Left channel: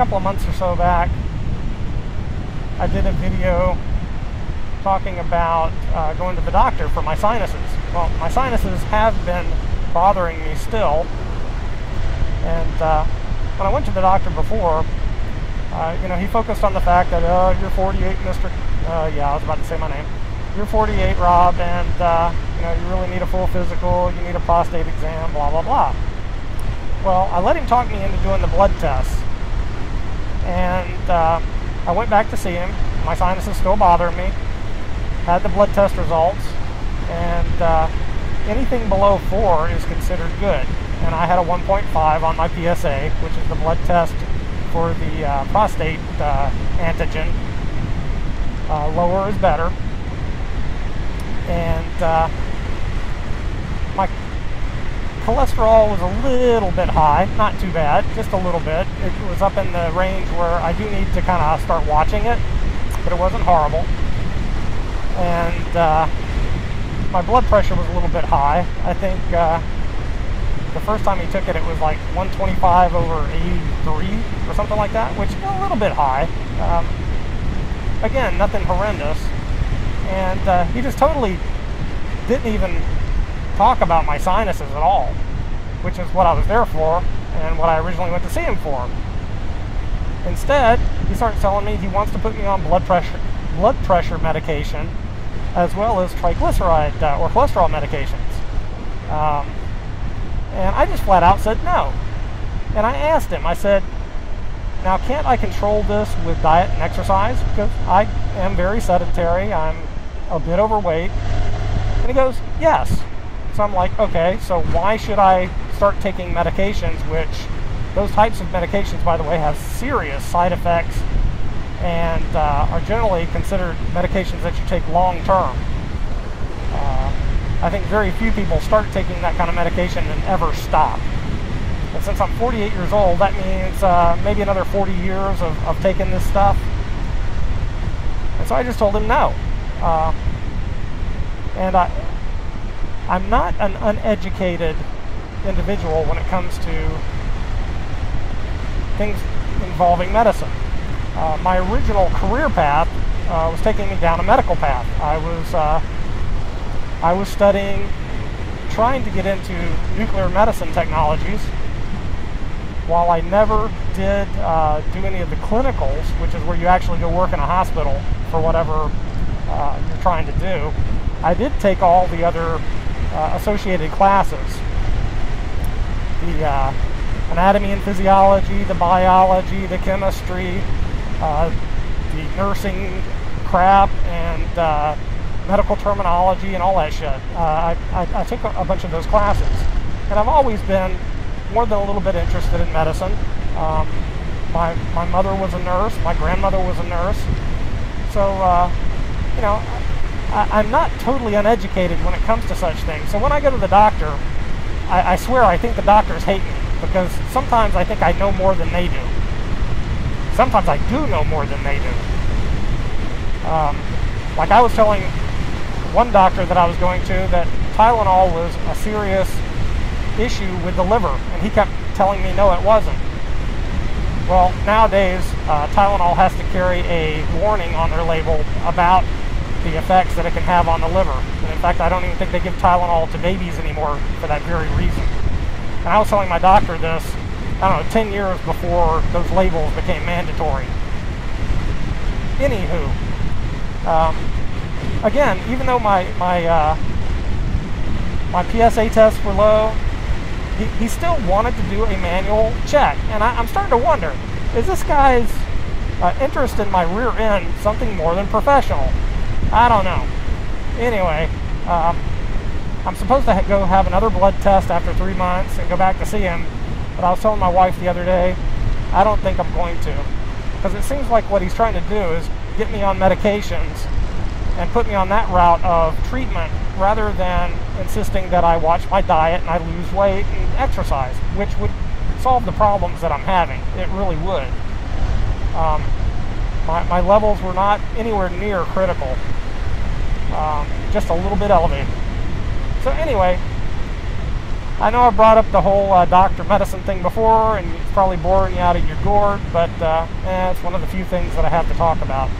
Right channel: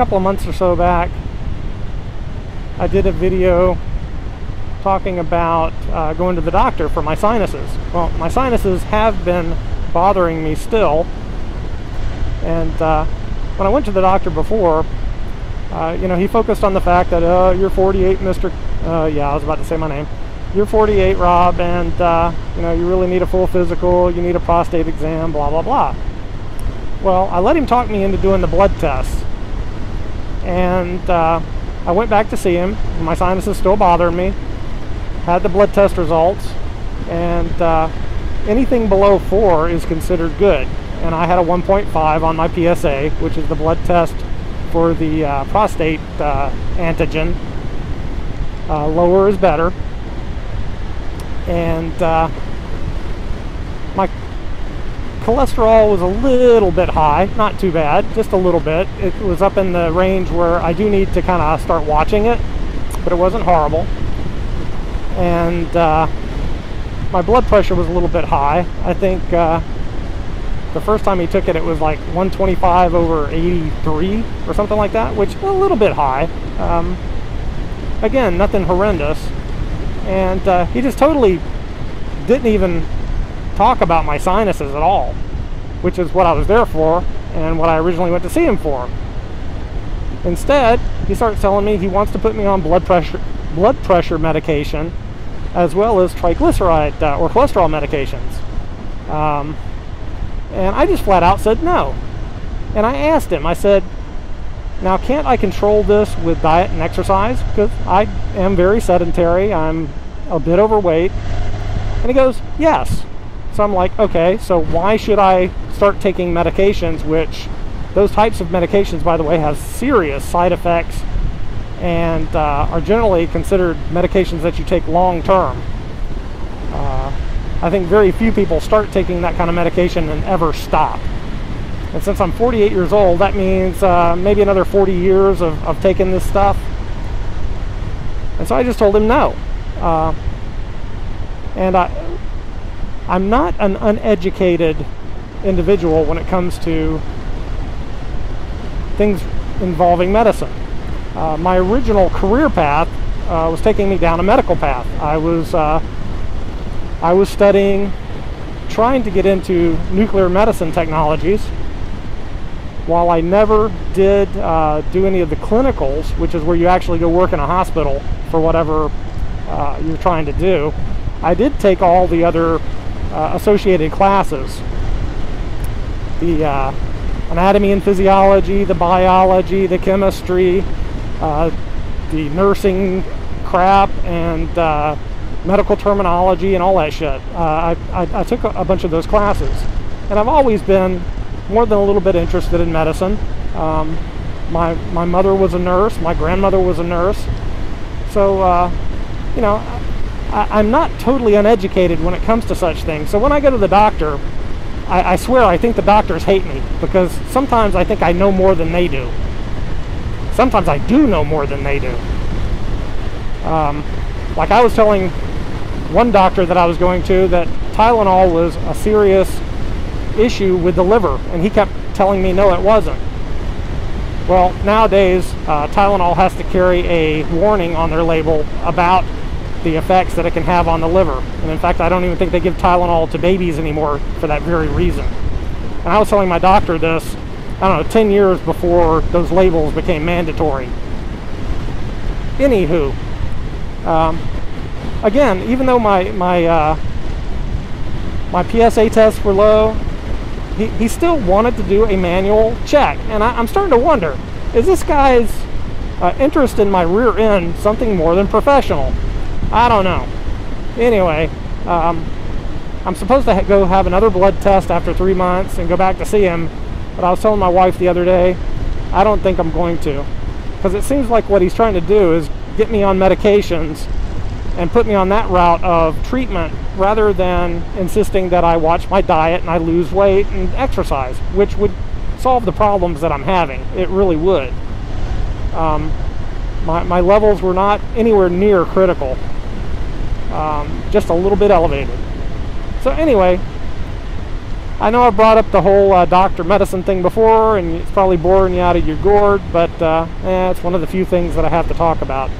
couple of months or so back, I did a video talking about going to the doctor for my sinuses. Well, my sinuses have been bothering me still, and when I went to the doctor before, you know, he focused on the fact that, oh, you're 48, Mr. Yeah, I was about to say my name. You're 48, Rob, and you know, you really need a full physical, you need a prostate exam, blah, blah, blah. Well, I let him talk me into doing the blood tests, and I went back to see him. My sinuses still bothered me. Had the blood test results, and anything below 4 is considered good. And I had a 1.5 on my PSA, which is the blood test for the prostate antigen. Lower is better. And my cholesterol was a little bit high, not too bad, just a little bit. It was up in the range where I do need to kind of start watching it, but it wasn't horrible. And my blood pressure was a little bit high. I think the first time he took it, it was like 125 over 83 or something like that, which is a little bit high. Again, nothing horrendous. And he just totally didn't even talk about my sinuses at all, which is what I was there for and what I originally went to see him for. Instead, he starts telling me he wants to put me on blood pressure medication, as well as triglyceride or cholesterol medications. And I just flat out said no. And I asked him, I said, now can't I control this with diet and exercise? Because I am very sedentary, I'm a bit overweight. And he goes, yes. So I'm like, okay, so why should I start taking medications, which those types of medications, by the way, have serious side effects and are generally considered medications that you take long term. I think very few people start taking that kind of medication and ever stop. And since I'm 48 years old, that means maybe another 40 years of taking this stuff. And so I just told him no. And I'm not an uneducated individual when it comes to things involving medicine. My original career path was taking me down a medical path. I was studying, trying to get into nuclear medicine technologies. While I never did do any of the clinicals, which is where you actually go work in a hospital for whatever you're trying to do, I did take all the other associated classes. The anatomy and physiology, the biology, the chemistry, the nursing crap, and medical terminology and all that shit. I took a bunch of those classes, and I've always been more than a little bit interested in medicine. My mother was a nurse, my grandmother was a nurse, so you know, I'm not totally uneducated when it comes to such things. So when I go to the doctor, I swear I think the doctors hate me, because sometimes I think I know more than they do. Sometimes I do know more than they do. Like I was telling one doctor that I was going to that Tylenol was a serious issue with the liver, and he kept telling me no, it wasn't. Well, nowadays Tylenol has to carry a warning on their label about the effects that it can have on the liver. And in fact, I don't even think they give Tylenol to babies anymore for that very reason. And I was telling my doctor this, I don't know, 10 years before those labels became mandatory. Anywho, again, even though my PSA tests were low, he still wanted to do a manual check. And I'm starting to wonder, is this guy's interest in my rear end something more than professional? I don't know. Anyway, I'm supposed to go have another blood test after 3 months and go back to see him. But I was telling my wife the other day, I don't think I'm going to. Because it seems like what he's trying to do is get me on medications and put me on that route of treatment, rather than insisting that I watch my diet and I lose weight and exercise, which would solve the problems that I'm having. It really would. My levels were not anywhere near critical, just a little bit elevated. So anyway, I know I brought up the whole doctor medicine thing before, and it's probably boring you out of your gourd, but it's one of the few things that I have to talk about.